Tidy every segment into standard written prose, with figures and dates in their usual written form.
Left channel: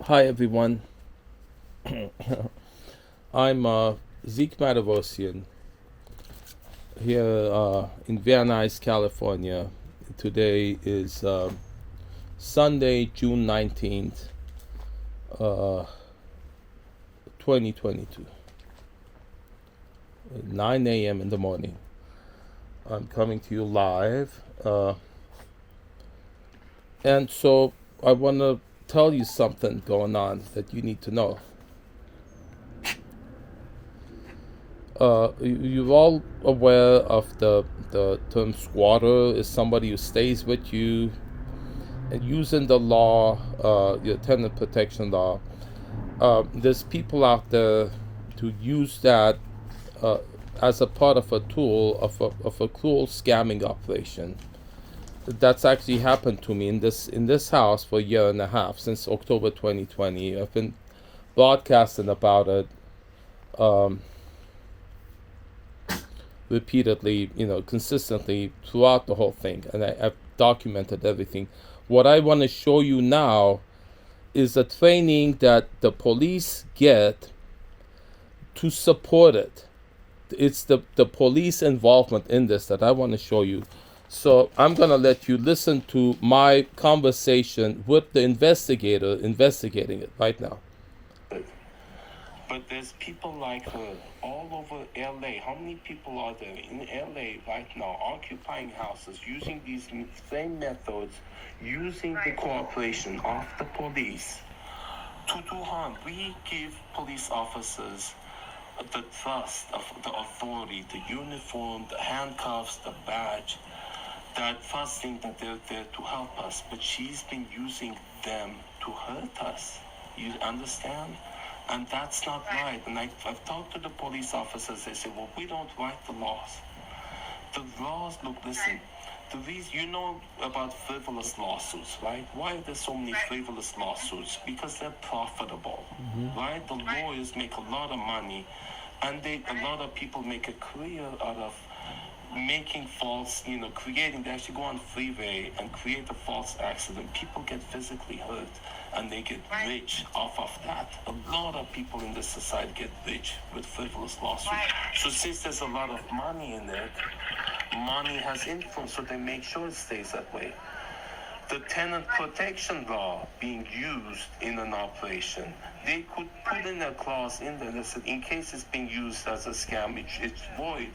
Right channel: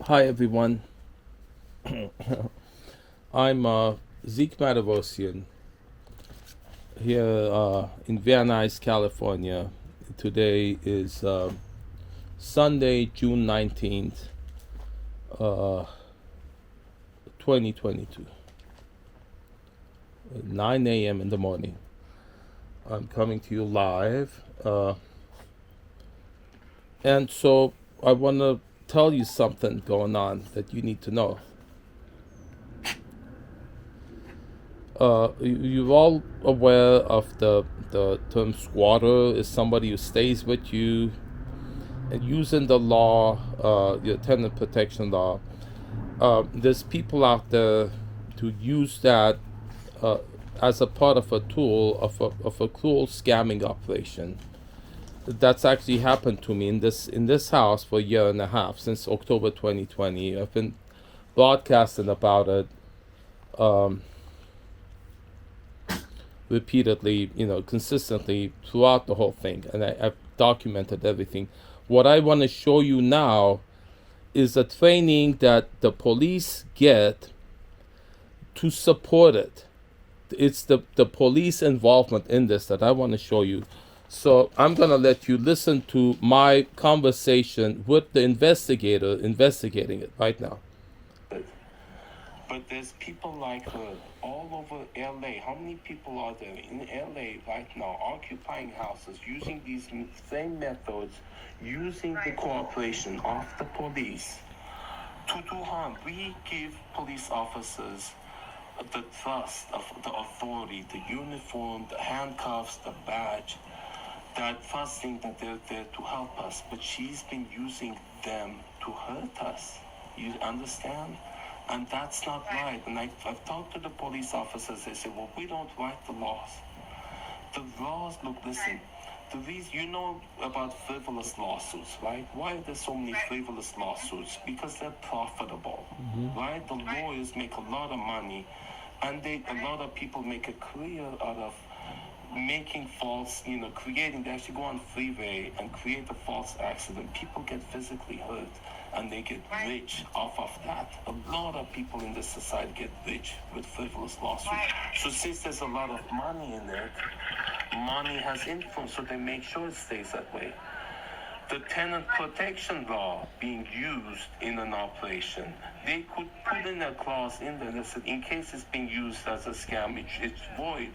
Hi everyone, I'm Zeke Matevosian here in Vilardi, California. Today is Sunday, June 19th, uh, 2022, 9 a.m. in the morning. I'm coming to you live. And so I want to tell you something going on that you need to know. You're all aware of the term squatter is somebody who stays with you and using the law, your tenant protection law. There's people out there to use that uh, as a part of a tool of a cruel scamming operation. That's actually happened to me in this house for a year and a half since October 2020. I've been broadcasting about it repeatedly, consistently throughout the whole thing, and I've documented everything. What I want to show you now is a training that the police get to support it. It's the police involvement in this that I want to show you. So I'm going to let you listen to my conversation with the investigator investigating it right now. But there's people like her all over LA. How many people are there in LA right now occupying houses using these same methods, using the cooperation of the police to do harm? We give police officers the trust of the authority, the uniform, the handcuffs, the badge, that trusting that they're there to help us. But she's been using them to hurt us. You understand? And that's not right. And I've talked to the police officers. They say, well, we don't write the laws. The laws, look, listen, the reason, you know about frivolous lawsuits, right? Why are there so many frivolous lawsuits? Because they're profitable, right? The lawyers make a lot of money, and a lot of people make a career out of making false, creating, they actually go on freeway and create a false accident. People get physically hurt and they get rich off of that. A lot of people in this society get rich with frivolous lawsuits. So since there's a lot of money in it, money has influence, so they make sure it stays that way. The tenant protection law being used in an operation, they could put in a clause in there that said, in case it's being used as a scam, it's void.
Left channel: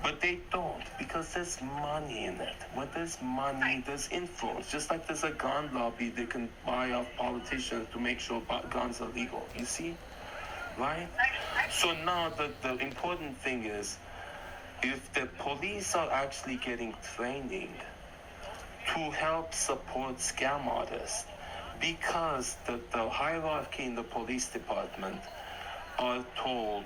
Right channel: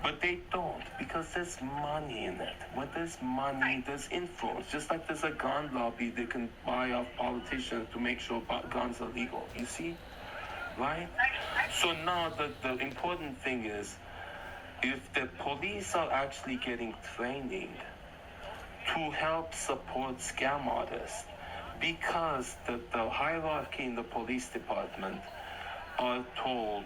But they don't, because there's money in it. When there's money, there's influence. Just like there's a gun lobby, they can buy off politicians to make sure guns are legal. You see? Right? So now the important thing is, if the police are actually getting training to help support scam artists, because the hierarchy in the police department are told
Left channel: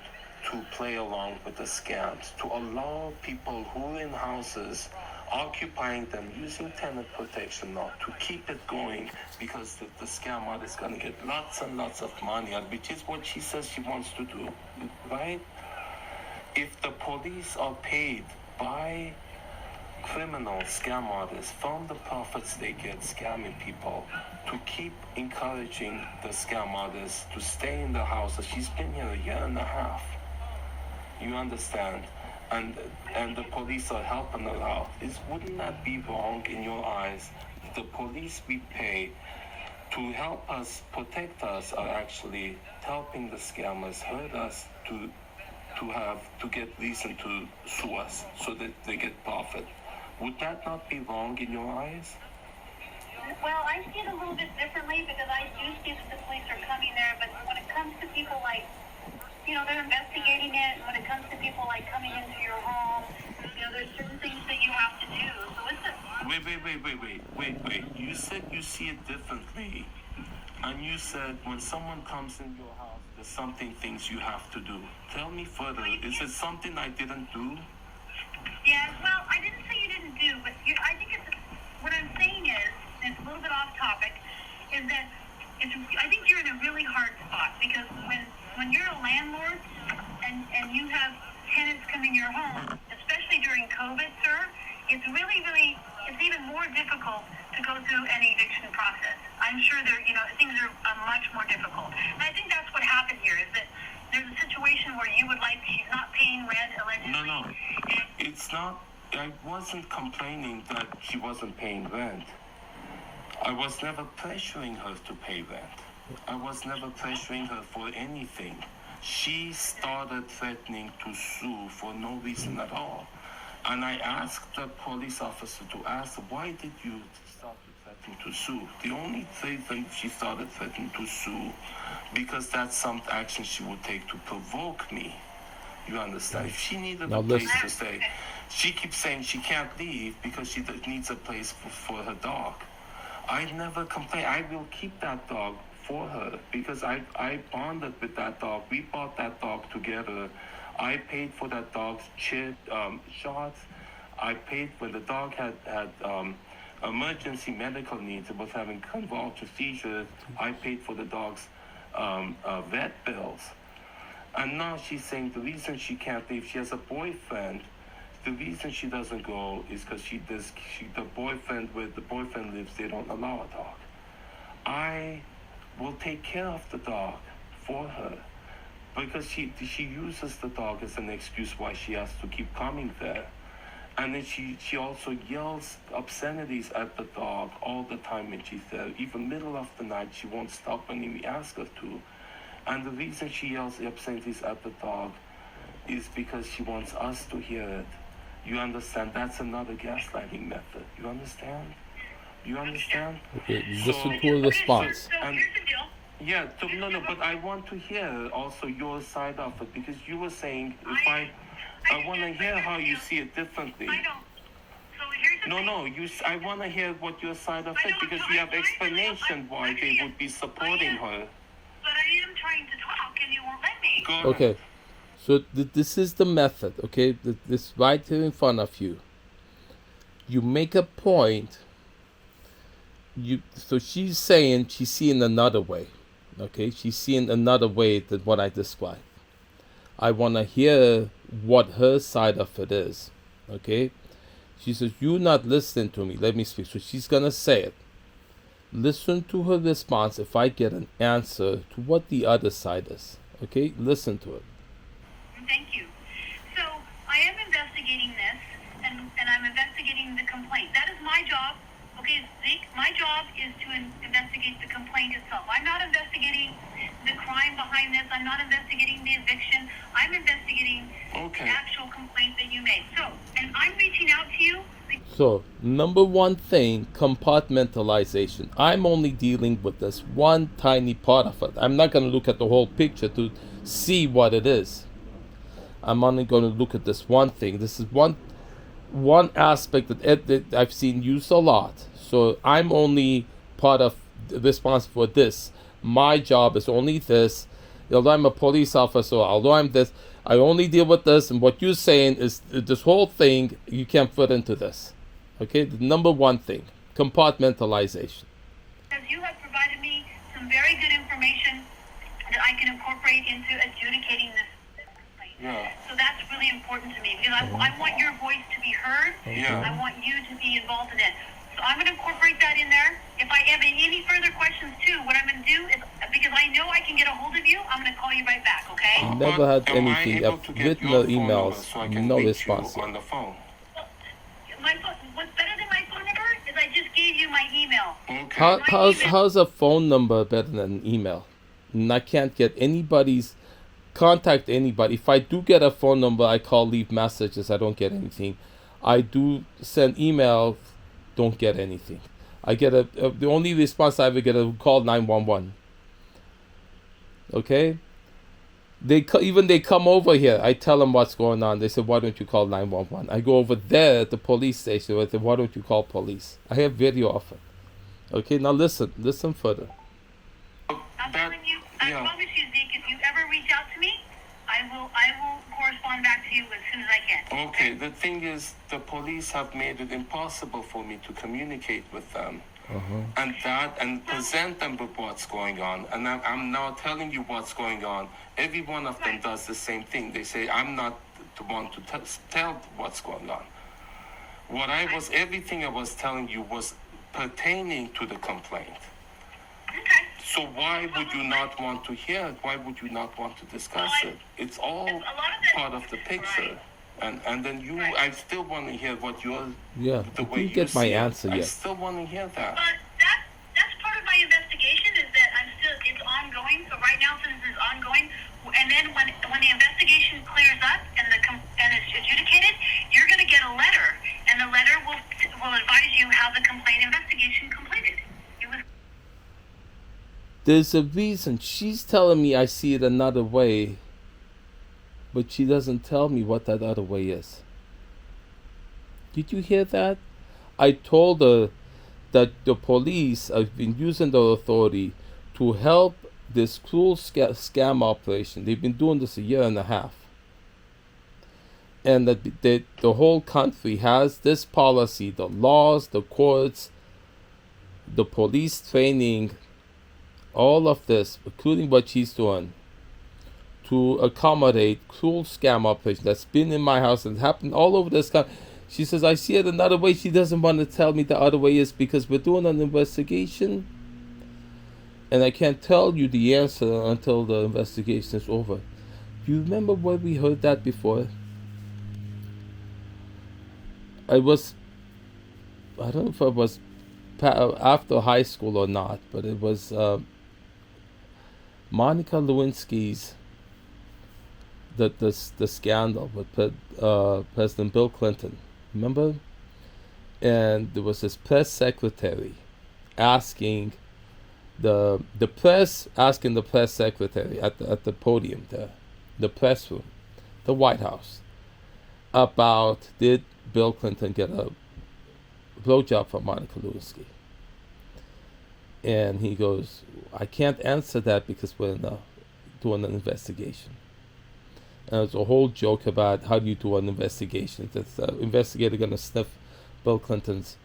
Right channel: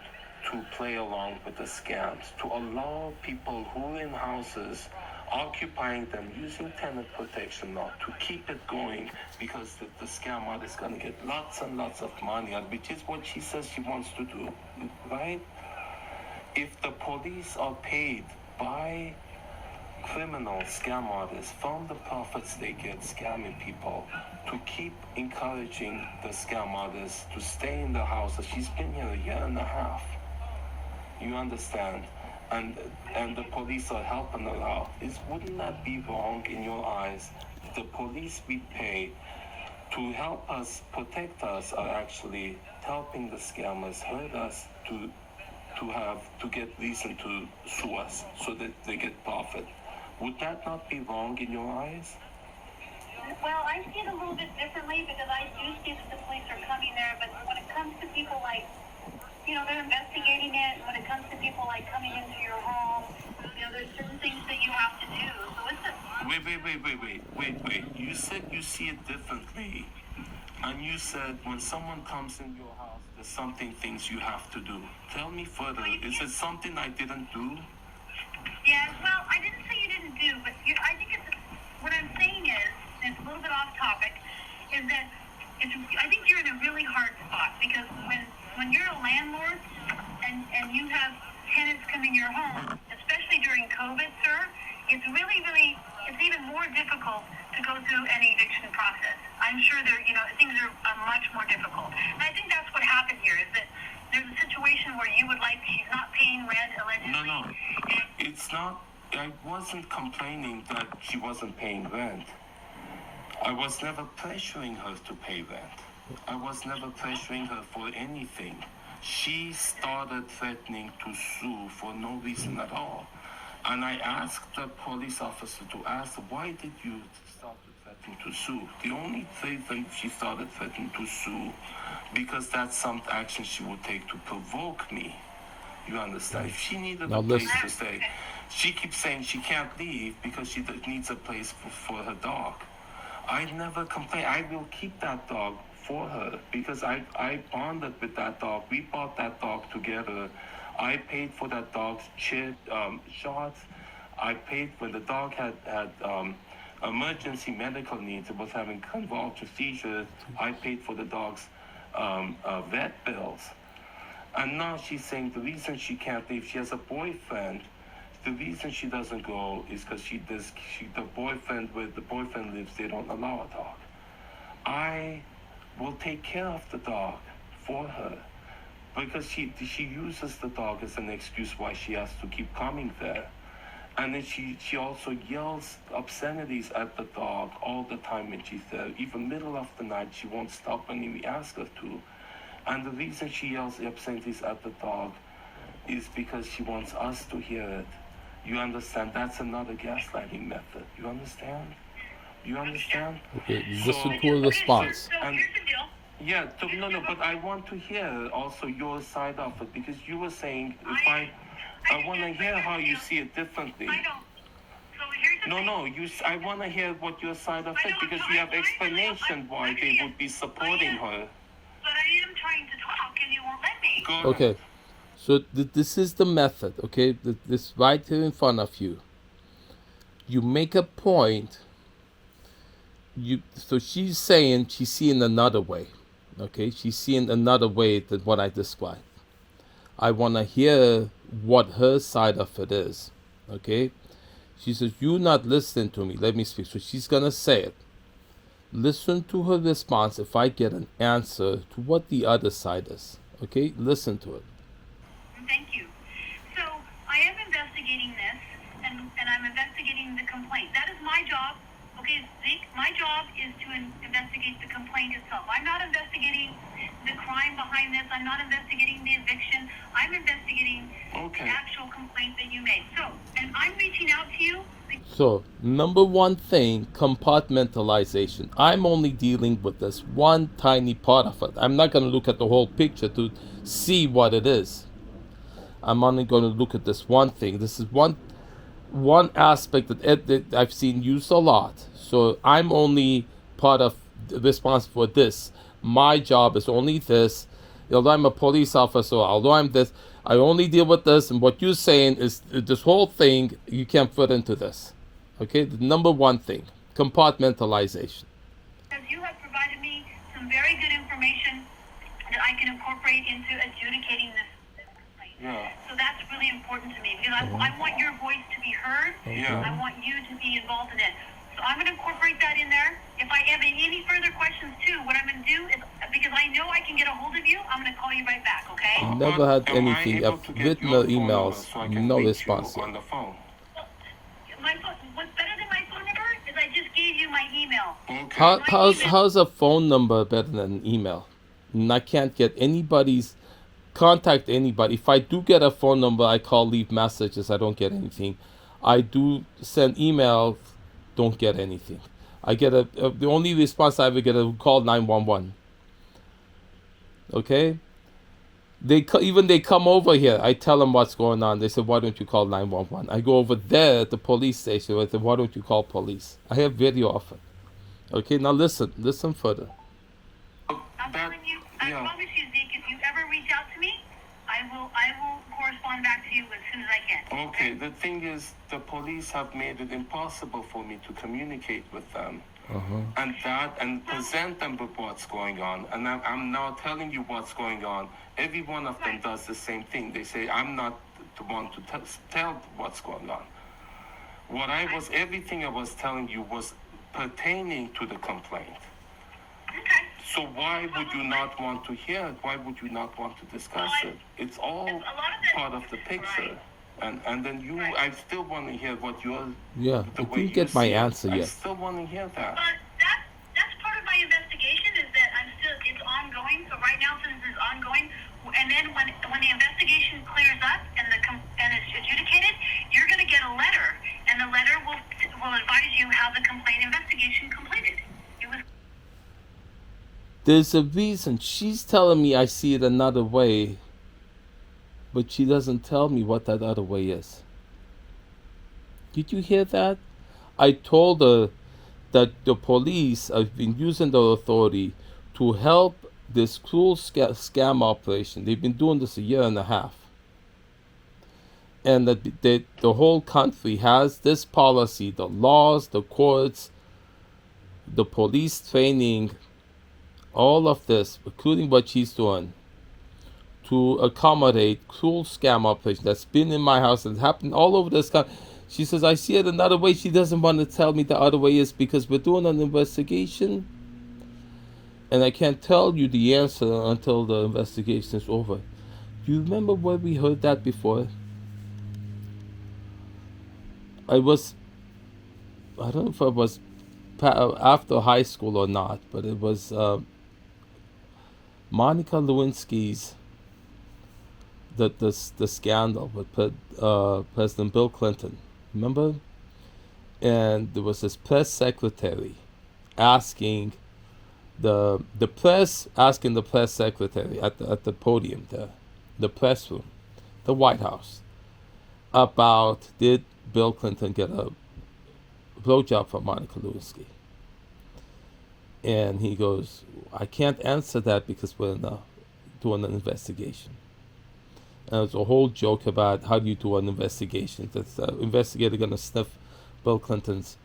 to play along with the scams, to allow people who are in houses occupying them using tenant protection law to keep it going, because the scam artist is going to get lots and lots of money, which is what she says she wants to do, right? If the police are paid by criminal scam artists from the profits they get scamming people to keep encouraging the scam artists to stay in the house, she's been here a year and a half. You understand? And the police are helping her out. Wouldn't that be wrong in your eyes? The police we pay to help us, protect us, are actually helping the scammers, hurt us to get reason to sue us so that they get profit. Would that not be wrong in your eyes? Well, I see it a little bit differently, because I do see that the police are coming there, but when it comes to people like, they're investigating it. When it comes to people like coming into your home, there's certain things that you have to do. So Wait. You said you see it differently. And you said when someone comes in your house, there's things you have to do. Tell me further. Is it something I didn't do? Yeah, well, I didn't say you didn't do, but I think what I'm saying is, and it's a little bit off topic, is that I think you're in a really hard spot, because when you're a landlord and you have tenants come in your home, especially during COVID, sir, it's really, really, it's even more difficult to go through an eviction process. I'm sure things are much more I wasn't complaining that she wasn't paying rent. I was never pressuring her to pay rent. I was never pressuring her for anything. She started threatening to sue for no reason at all. And I asked the police officer to ask, why did you start to threaten to sue? The only reason she started threatening to sue, because that's some action she would take to provoke me. You understand? If she needed Now a place listen. to stay, she keeps saying she can't leave because she needs a place for her dog. I never complain. I will keep that dog for her because I bonded with that dog. We bought that dog together. I paid for that dog's shots. I paid when the dog had emergency medical needs. It was having convulsive seizures. I paid for the dog's vet bills. And now she's saying the reason she can't leave, she has a boyfriend. The reason she doesn't go is because the boyfriend, where the boyfriend lives, they don't allow a dog. I will take care of the dog for her because she uses the dog as an excuse why she has to keep coming there. And then she also yells obscenities at the dog all the time when she's there. Even middle of the night, she won't stop when we ask her to. And the reason she yells obscenities at the dog is because she wants us to hear it. You understand? That's another gaslighting method. You understand? You understand? Okay, listen to a response. So And- here's the deal. Yeah, no, but I want to hear also your side of it because you were saying I want to hear how you see it differently. I don't. So here's the thing. No, I want to hear what your side of it because you have explanation why they would be supporting her. But I am trying to talk and you won't let me. Go Okay, ahead. so this is the method, okay? This right here in front of you. You make a point. So she's saying she's seeing another way, okay? She's seeing another way than what I described. I want to hear what her side of it is, okay? She says, you're not listening to me. Let me speak. So she's going to say it. Listen to her response if I get an answer to what the other side is, okay? Listen to it. Thank you. So I am investigating this, and I'm investigating the complaint. That is my job. Okay, Zeke, my job is to investigate the complaint itself. I'm not investigating the crime behind this. I'm not investigating the eviction. I'm investigating Okay. the actual complaint that you made. So, and I'm reaching out to you. So, number one thing, compartmentalization. I'm only dealing with this one tiny part of it. I'm not going to look at the whole picture to see what it is. I'm only going to look at this one thing. This is one aspect that I've seen used a lot. So I'm only part of responsible for this. My job is only this. Although I'm a police officer, although I'm this, I only deal with this. And what you're saying is this whole thing, you can't fit into this. Okay, the number one thing, compartmentalization. Because you have provided me some very good information that I can incorporate into adjudicating this complaint. Yeah. So that's really important to me because I want your voice to be heard. Yeah. I want you to be involved in it. So I'm going to incorporate that in there. If I have any further questions too, what I'm going to do is, because I know I can get a hold of you, I'm going to call you right back, okay? Never had Am I anything. able I've to get written your the phone number emails, so I can no reach you response yet. on the phone? My phone, what's better than my phone number is I just gave you my email. Okay. How's a phone number better than an email? And I can't get contact anybody. If I do get a phone number, I call, leave messages. I don't get anything. I do send emails, don't get anything. I get the only response I ever get is call 911. Okay? They come over here. I tell them what's going on. They say, why don't you call 911? I go over there at the police station. I say, why don't you call police? I have video of it. Okay, now listen further. I'm telling you, I promise you, Zeke, if you ever reach out to me, I will correspond back to you as soon as I can. Okay, the thing is, the police have made it impossible for me to communicate with them and present them with what's going on. And I'm now telling you what's going on. Every one of them does the same thing. They say, I'm not the one to tell what's going on. Everything I was telling you was pertaining to the complaint. Okay. So why would you not want to hear it? Why would you not want to discuss it? It's all part of the picture. And then I still want to hear what you're. Yeah, The I way didn't you get my see it. answer I yet. still want to hear that. But that's part of my investigation is that it's ongoing. So right now, since it's ongoing, and then when the investigation clears up and it's adjudicated, you're going to get a letter, and the letter will advise you how the complaint investigation completed. It was. There's a reason. She's telling me I see it another way, but she doesn't tell me what that other way is. Did you hear that? I told her that the police have been using their authority to help this cruel scam operation. They've been doing this a year and a half. And that the whole country has this policy, the laws, the courts, the police training, all of this, including what she's doing, to accommodate cruel scam operation that's been in my house and happened all over this country. She says, I see it another way. She doesn't want to tell me the other way is because we're doing an investigation and I can't tell you the answer until the investigation is over. Do you remember where we heard that before? I don't know if it was after high school or not, but it was Monica Lewinsky's the scandal with President Bill Clinton. Remember? And there was this press secretary asking the press secretary at the podium there, the press room, the White House, about did Bill Clinton get a blowjob from Monica Lewinsky. And he goes, I can't answer that because we're doing an investigation. And there's a whole joke about how do you do an investigation. That's the investigator going to sniff Bill Clinton's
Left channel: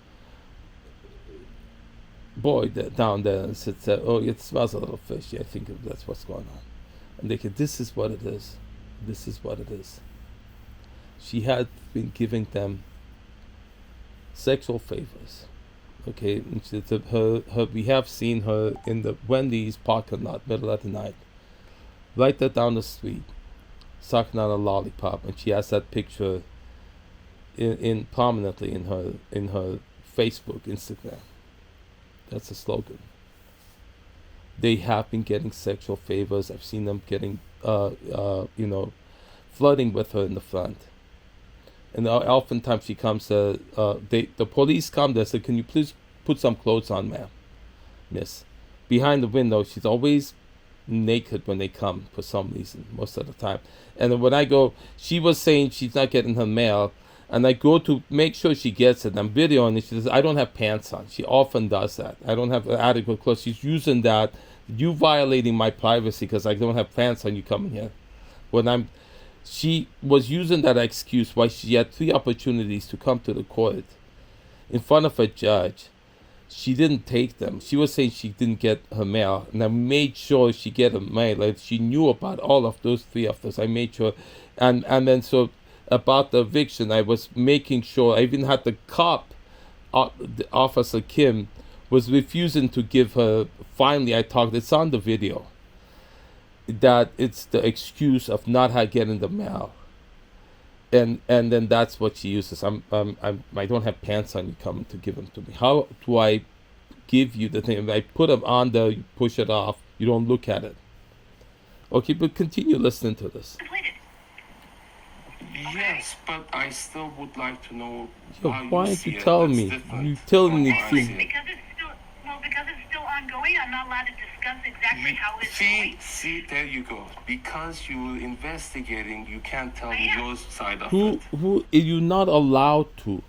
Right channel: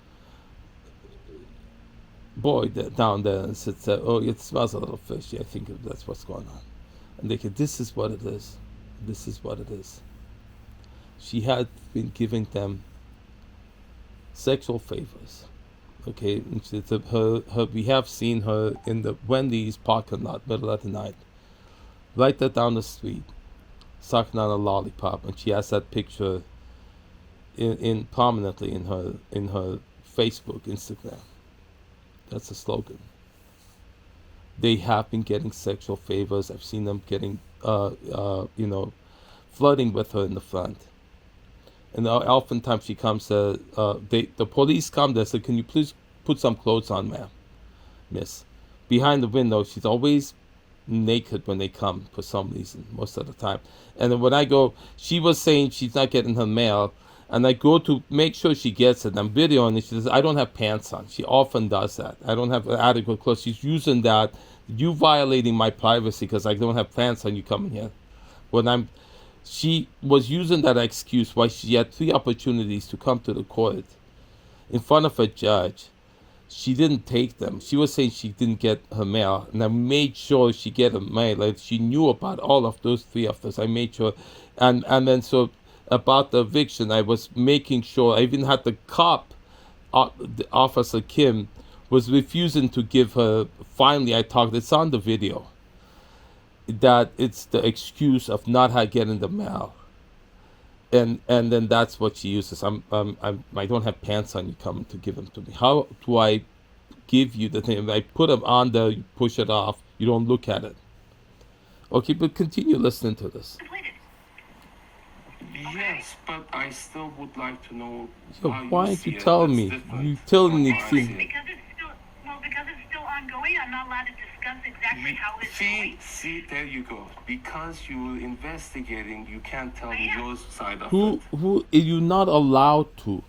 boy down there and said, oh, it smells a little fishy. I think that's what's going on. And they said, this is what it is. This is what it is. She had been giving them sexual favors. Okay, and we have seen her in the Wendy's parking lot, middle of the night, right there down the street, sucking on a lollipop, and she has that picture in prominently in her Facebook, Instagram. That's a slogan. They have been getting sexual favors. I've seen them getting, flirting with her in the front. And oftentimes she comes, the police come, they say, can you please put some clothes on, ma'am, miss? Behind the window, she's always naked when they come for some reason, most of the time. And then when I go, she was saying she's not getting her mail, and I go to make sure she gets it. I'm videoing it. She says, I don't have pants on. She often does that. I don't have adequate clothes. She's using that. You violating my privacy because I don't have pants on, you coming here. She was using that excuse why she had 3 opportunities to come to the court in front of a judge. She didn't take them. She was saying she didn't get her mail, and I made sure she get her mail. Like she knew about all of those 3 of those. I made sure, and then so about the eviction, I was making sure. I even had the cop, Officer Kim, was refusing to give her. Finally, I talked. It's on the video. That it's the excuse of not getting the mail, and then that's what she uses. I don't have pants on. You coming to give them to me? How do I give you the thing? I put them on there. You push it off. You don't look at it. Okay, but continue listening to this. Yes, but I still would like to know. Yo, how why you aren't see you it. telling That's me? different. You telling me? Because it's still ongoing. I'm not allowed to discuss exactly how it's going. See, there you go. Because you're investigating, you can't tell me your side of Who are you not allowed to?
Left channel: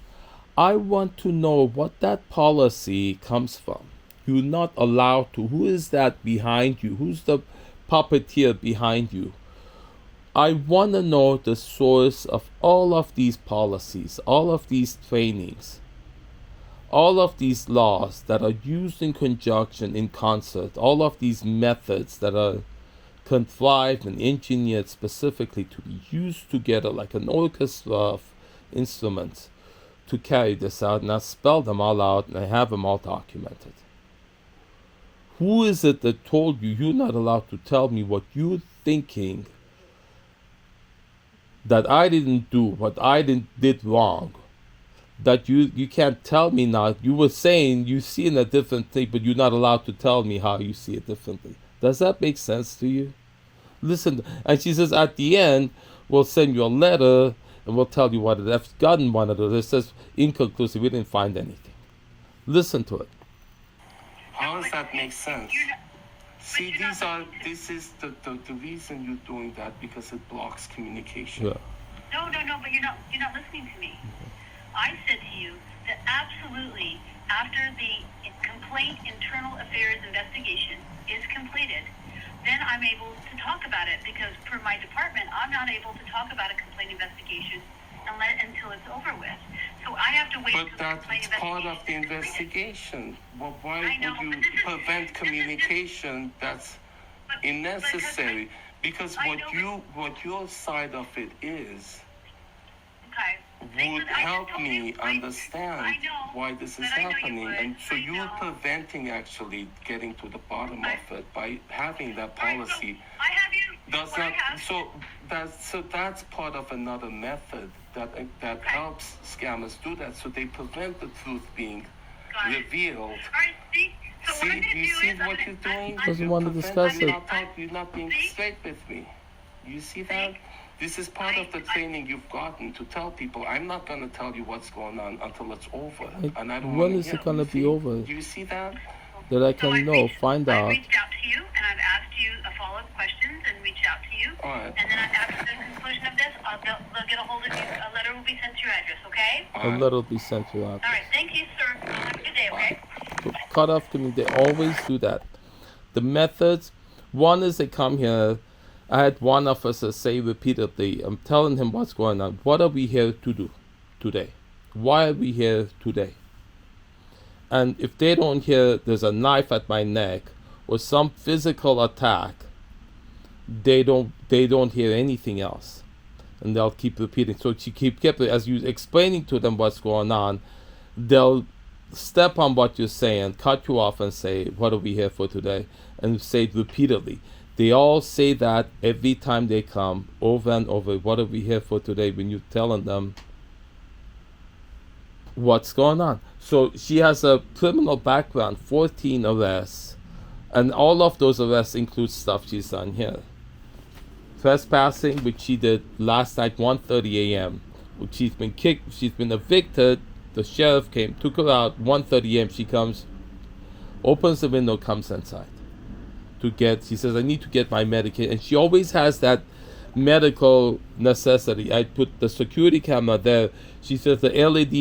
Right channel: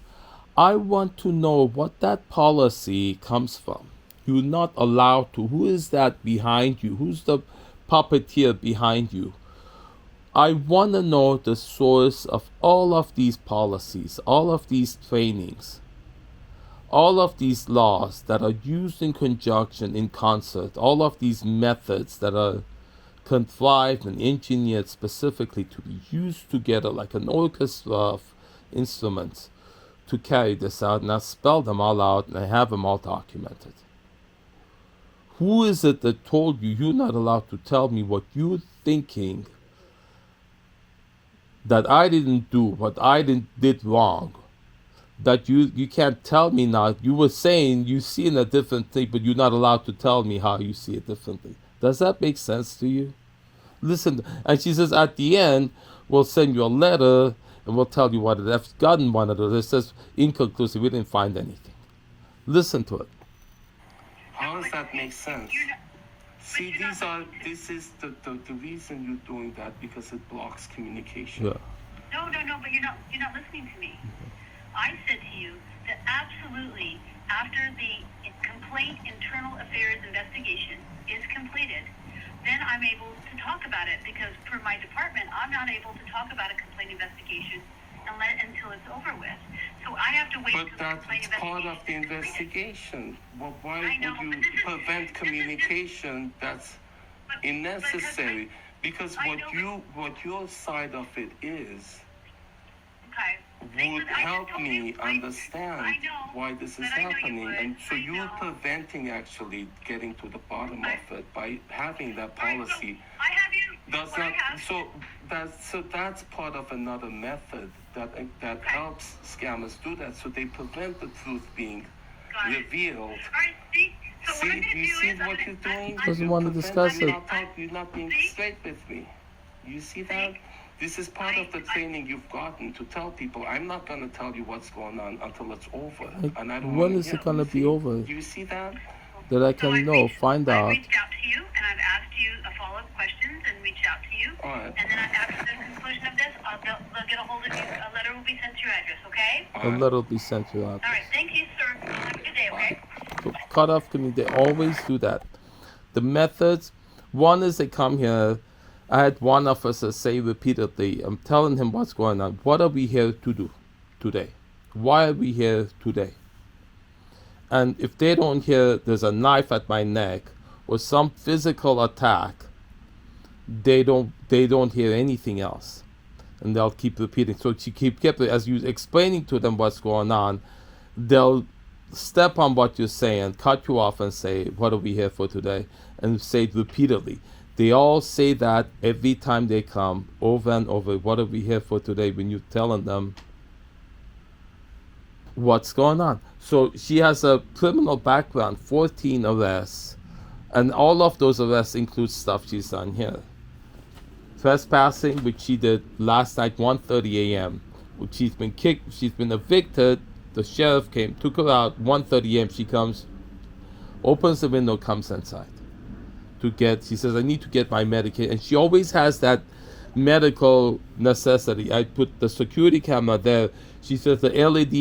I want to know what that policy comes from. You're not allowed to. Who is that behind you? Who's the puppeteer behind you? I want to know the source of all of these policies, all of these trainings, all of these laws that are used in conjunction, in concert, all of these methods that are contrived and engineered specifically to be used together like an orchestra of instruments to carry this out. And I spell them all out and I have them all documented. Who is it that told you you're not allowed to tell me what you're thinking that I didn't do what I did wrong, that you can't tell me now. You were saying you see in a different thing, but you're not allowed to tell me how you see it differently. Does that make sense to you? Listen, and she says at the end, we'll send you a letter and we'll tell you what it has gotten one of those. It says inconclusive, we didn't find anything. Listen to it. How does that make sense? See, this is the reason you're doing that, because it blocks communication. Yeah. No, but you're not listening to me. I said to you that absolutely, after the complaint internal affairs investigation is completed, then I'm able to talk about it, because per my department, I'm not able to talk about a complaint investigation until it's over with. So I have to wait But until the complaint that's part of the investigation. Well, why would you prevent communication? That's unnecessary. Because what your side of it is would help me understand why this is happening. And so you're preventing actually getting to the bottom of it by having that policy. Does not, so that's part of another method that helps scammers do that. So they prevent the truth being revealed. See, do you see what you're doing? Doesn't want to discuss it. You're not being straight with me. You see that? This is part of the training you've gotten to tell people, I'm not going to tell you what's going on until it's over. And I don't when is it going to be over? Do you see that? That I can know, find out. I reached out to you, and I've asked you follow-up questions and reached out to you. All right. And then after the conclusion of this, they'll get a hold of you. A letter will be sent to your address, okay? A letter will be sent to you out. All right, thank you, sir. Have a good day, okay? So cut off community, they always do that. The methods, one is they come here. I had one officer say repeatedly, I'm telling him what's going on. What are we here to do today? Why are we here today? And if they don't hear there's a knife at my neck or some physical attack, they don't hear anything else. And they'll keep repeating. So she keep as you explaining to them what's going on, they'll step on what you're saying, cut you off and say, what are we here for today? And say it repeatedly. They all say that every time they come, over and over. What are we here for today? When you're telling them what's going on. So she has a criminal background, 14 arrests, and all of those arrests include stuff she's done here. Trespassing, which she did last night, 1:30 a.m. Which she's been kicked, she's been evicted. The sheriff came, took her out, 1:30 a.m. She comes, opens the window, comes inside. She says, I need to get my medication. And she always has that medical necessity. I put the security camera there. She says the LED,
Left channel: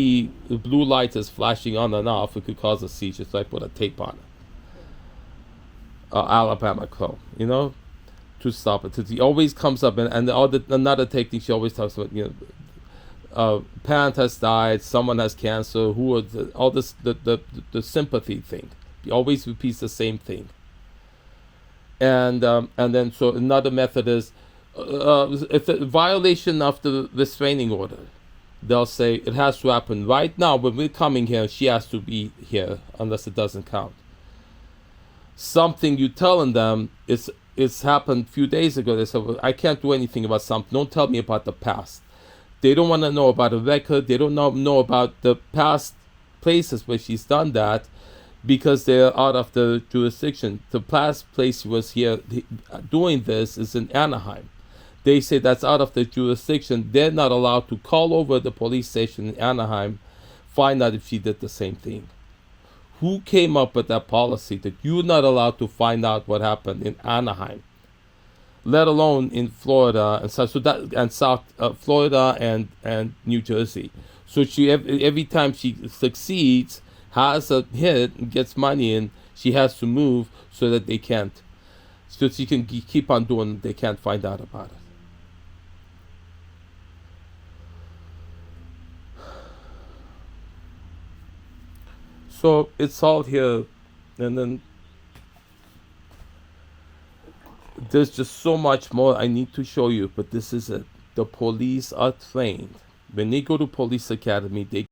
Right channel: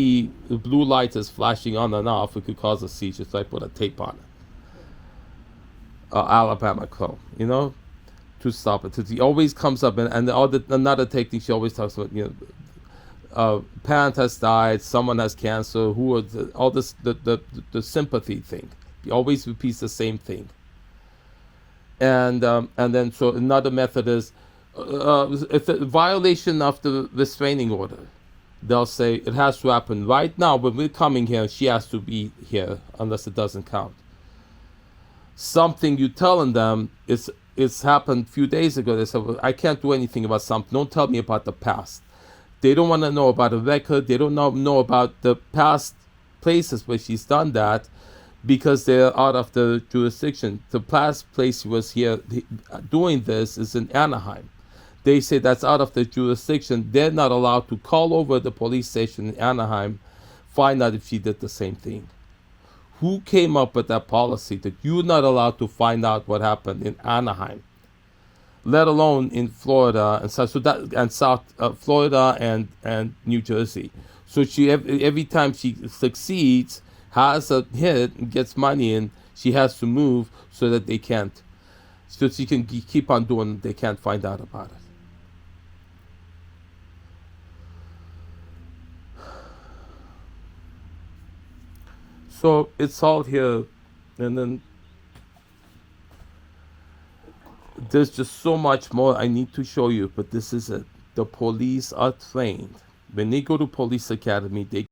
the blue light is flashing on and off. It could cause a seizure. So I put a tape on it. Alabama chrome, to stop it. So she always comes up, and another technique she always talks about, parent has died, someone has cancer, all this, the sympathy thing. She always repeats the same thing. And then so another method is if a violation of the restraining order, they'll say it has to happen right now. When we're coming here, she has to be here unless it doesn't count. Something you're telling them it's happened a few days ago. They said, well, I can't do anything about something. Don't tell me about the past. They don't want to know about a record. They don't know about the past places where she's done that, because they're out of the jurisdiction. The past place she was here doing this is in Anaheim. They say that's out of the jurisdiction. They're not allowed to call over the police station in Anaheim, find out if she did the same thing. Who came up with that policy that you're not allowed to find out what happened in Anaheim, let alone in Florida and South Florida and New Jersey? So she every time she succeeds, has a hit and gets money in, she has to move so that they can't, so she can keep on doing it. They can't find out about it. So it's all here, and then there's just so much more I need to show you, but this is it. The police are trained. When they go to police academy, they